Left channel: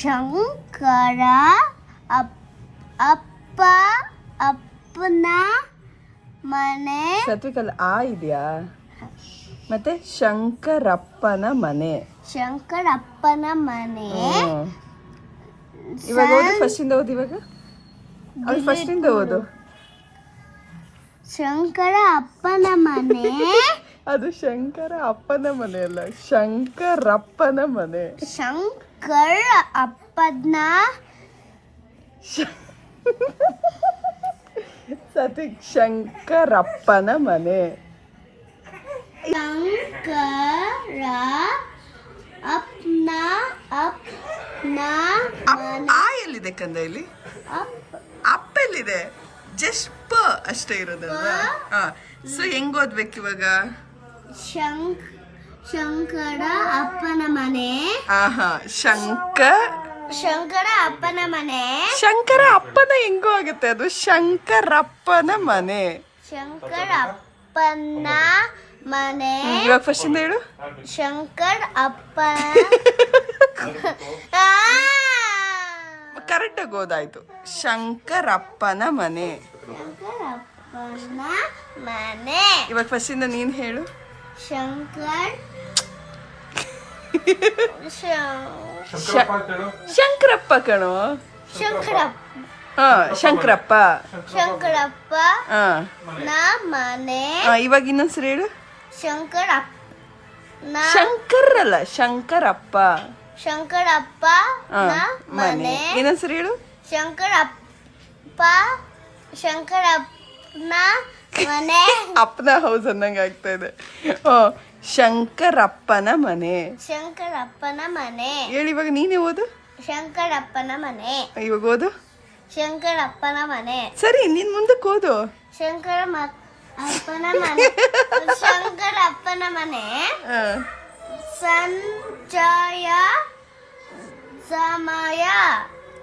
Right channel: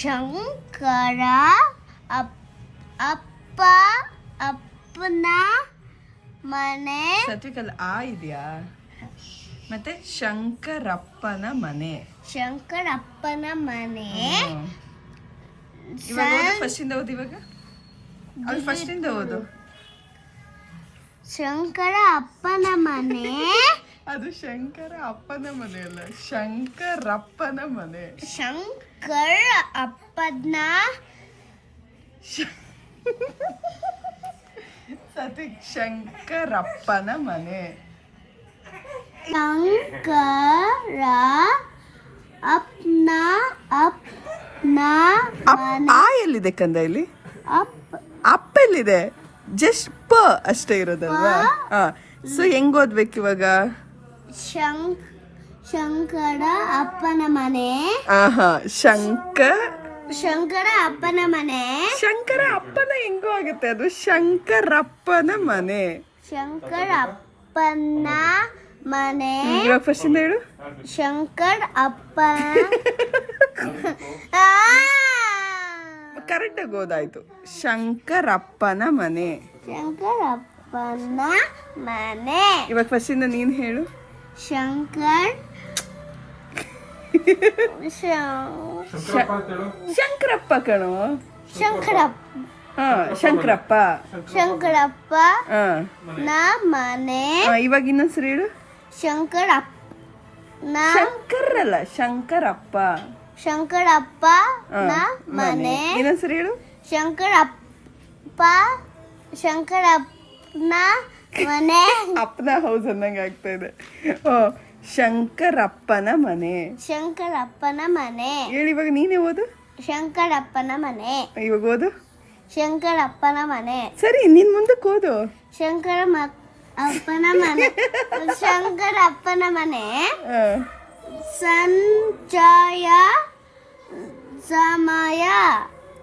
ಶಂಕರ ಅಪ್ಪನ ಮನೆ. ಸತ್ವಿಕಲ್ಲಿ ಆ ಇದೆಯಾ? ಮತ್ತೆ ಶಂಕರಪ್ಪನ ಮನೆ. ಶಂಕರಪ್ಪನ ಮನೆ. ಇವಾಗ ಫಸ್ಟಿಂದ ಓದು. ಇವಾಗ ಅದು ಫಸ್ಟಿಂದ ಓದು. ಶಂಕರ ಅಪ್ಪನ ಮನೆ. ಅದು ಶಂಕರ ಅಪ್ಪನ ಮನೆ ಅಲ್ಲ, ಶಂಕರಪ್ಪನ ಮನೆ. ಶಂಕರ ಅಪ್ಪನ ಸತ್ವಿಕ್ ಶಂಕರಪ್ಪನ ಮನೆ. ಶಂಕರ ಅಪ್ಪನ ಮನೆ. ಆ ಎಲ್ಲಿದೆ ಕಂದ ಇಲ್ಲಿ? ಅಪ್ಪ ಎಲ್ಲಿದೆ? ಜಸ್ಟ್ ಪ ಅಷ್ಟೇ ಇರೋದಲ್ವಾ? ಸೊ ಹೆಂಗ್ ಓದ್ಬೇಕು ಇವಾಗ? ಶಂಕರ ಅಪ್ಪನ ಮನೆ. ಶಂಕರ ಅಪ್ಪನ ಮನೆ. ಶಂಕರ ಅಪ್ಪನ ಹೆಂಗೋ ಆಗುತ್ತೆ, ಅದು ಶಂಕರಪ್ಪನ ಮನೆ. ಶಂಕರ ಅಪ್ಪನ ಮನೆ. ಇವಾಗ ಫಸ್ಟ್ ಇಂದ ಹೇಳು. ಶಂಕರ್ ಅಪ್ಪ. ಕರೆಕ್ಟ್ ಆಗಿ ಓದಾಯ್ತು. ಶಂಕರಪ್ಪನ ಮನೆ. ಶಂಕರಪ್ಪನ ಮನೆ. ಇವಾಗ ಫಸ್ಟ್ ಇಂದ ನೀನ್ ಹೇಳು. ಶಂಕರಪ್ಪ ಕಣೋ. ಶಂಕರಪ್ಪ ಮನೆ. ಇವಾಗ ಇನ್ನೊಂದ್ಸರಿ ಹೇಳು. ಶಂಕರ್ ಅಲ್ಲ, ಶಂಕರಪ್ಪ ಮನೆ. ಇನ್ನೊಂದ್ಸರಿ ಹೇಳು. ಶಂಕರಪ್ಪನ ಮನೆ. ಅಪ್ಪನ ಹೌಸ್ ಅಂದಂಗ ಆಗ್ತಾ ಇದೆ. ಶಂಕರಪ್ಪನ ಮನೆ. ಶಂಕರಪ್ಪನ ಮನೆ. ಹೇಳಿ ಇವಾಗ ನೀನೇ ಓದು. ಶಂಕರಪ್ಪನ ಮನೆ. ಇವಾಗ ಓದು. ಶಂಕರಪ್ಪನ ಮನೆ. ಸರಿ, ನೀನ್ ಮುಂದಕ್ಕೆ ಓದು. ಅಪ್ಪನ ಮನೆ. ಶಂಕರಪ್ಪನ ಮನೆ. ಸಂಚಯ ಸಮಯ